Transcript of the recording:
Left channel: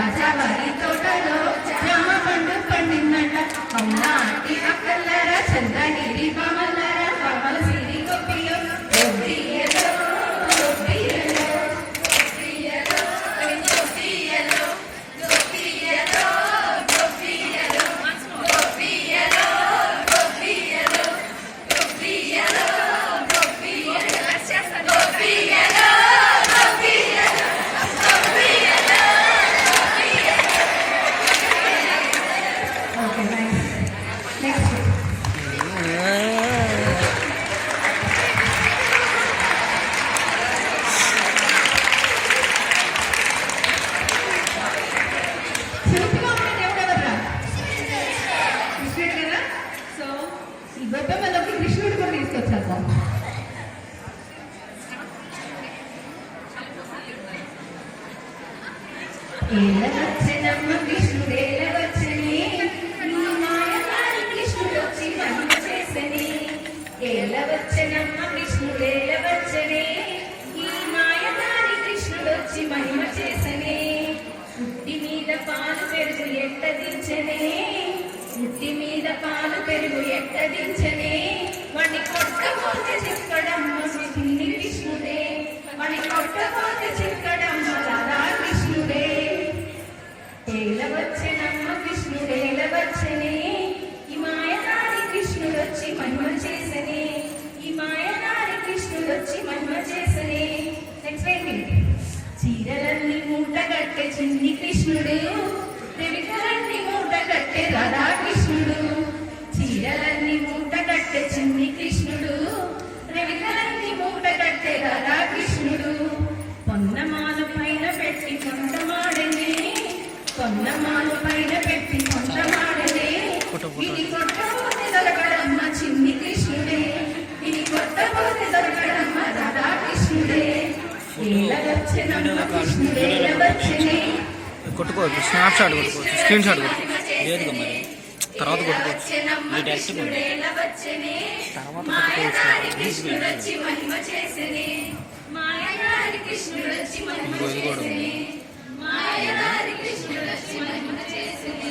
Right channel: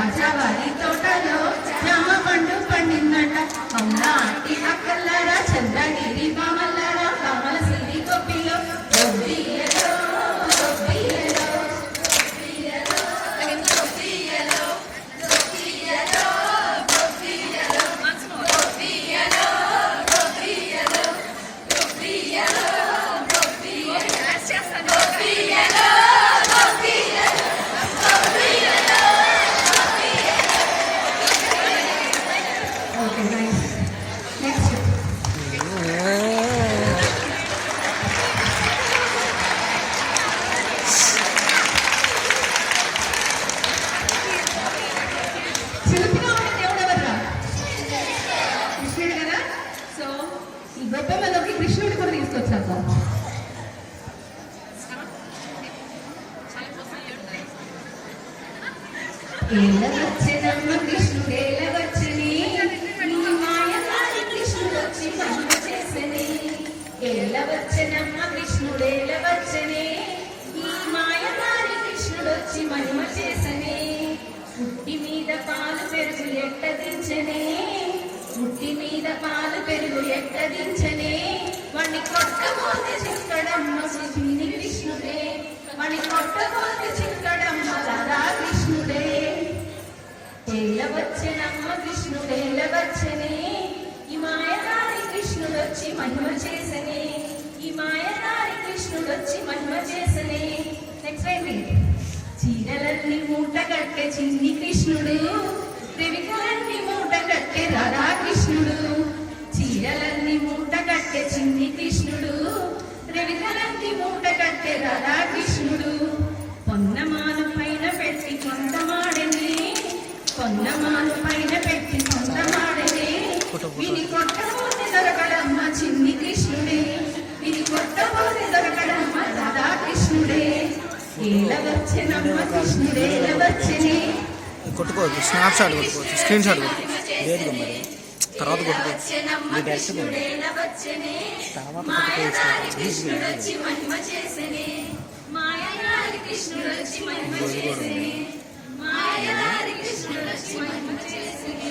రాజావారి తోటలో జామ పండు పండిందంట అవునా ఆంటీ అక్కల్లారా చంద్రగిరి బామల్లారా బామల సిరి గొప్పిలో గొప్పియలో గొప్పియలో గొప్పియలో గొప్పియలో గొప్పియలో గొప్పియలో గొప్పియలో గొప్పియలో గొప్పియలో గొప్పియలో Okay, nice. Next. చిలుపుగా ఉన్న దేవుడు ఎవర్రా? కృష్ణుడు కదా. సో ఈ గొప్పమ్మలోకి కృష్ణుడు కూడా తీసుకొచ్చారు. ఏలవచ్చనమ్మ కృష్ణుడేలవచ్చని ఏలవచ్చనమ్మ కృష్ణుడేలవచ్చనే ఈ మాయదారి కృష్ణుడొచ్చి మహిమ చేసనే పుట్టి మీద పాలు పెరుగు ఎట్టదించనే పుట్టి మీద పాలు పెరుగు ఎట్టదించనే వాణ్ణి కొట్టబోతే చెప్పడమ్మ చిన్ని కృష్ణుడే వాణ్ణి కొట్టబోతే చెప్పడమ్మ రాధా కృష్ణుడే ఏలవచ్చనమ్మ కృష్ణుడేలవచ్చనే ఈ మాయదారి కృష్ణుడొచ్చి మహిమ చేసనే ఈ మాయదారి కృష్ణుడొచ్చి మహిమ చేసనే నెక్స్ట్ ఏంటి చీరలన్నీ మూట కట్టే చిన్ని కృష్ణుడు రేవికలన్నీ మూట కట్టే రాధా కృష్ణుడు చీరలన్నీ మూట కట్టే చిన్ని కృష్ణుడు రేవికలన్నీ మూట కట్టే రాధా కృష్ణుడు పొన్నమాను పైన పెట్టి కొంతమాడనే పొన్నమాను పైన పెట్టి కొంతమాడనే ఇది కొట్టబోతే దొరకడమ్మ చిన్ని కృష్ణుడే ఇది కొట్టబోతే దొరకడమ్మ రాధా కృష్ణుడే ఏలవచ్చనమ్మ కృష్ణుడేలవచ్చనే కొట్టుకోవచ్చు స్నాప్ షాట్ కొట్టుకోవచ్చు స్క్రీన్ షాట్ కొట్టుకోవచ్చు లేదు మరి తర్వాత కొట్టుకోవచ్చు తర్వాత కొట్టుకోవచ్చు మహిమ చేసనే మాయదారి కృష్ణుడొచ్చి మహిమ చేసనే మాయదారి కృష్ణుడొచ్చి మహిమ చేసనే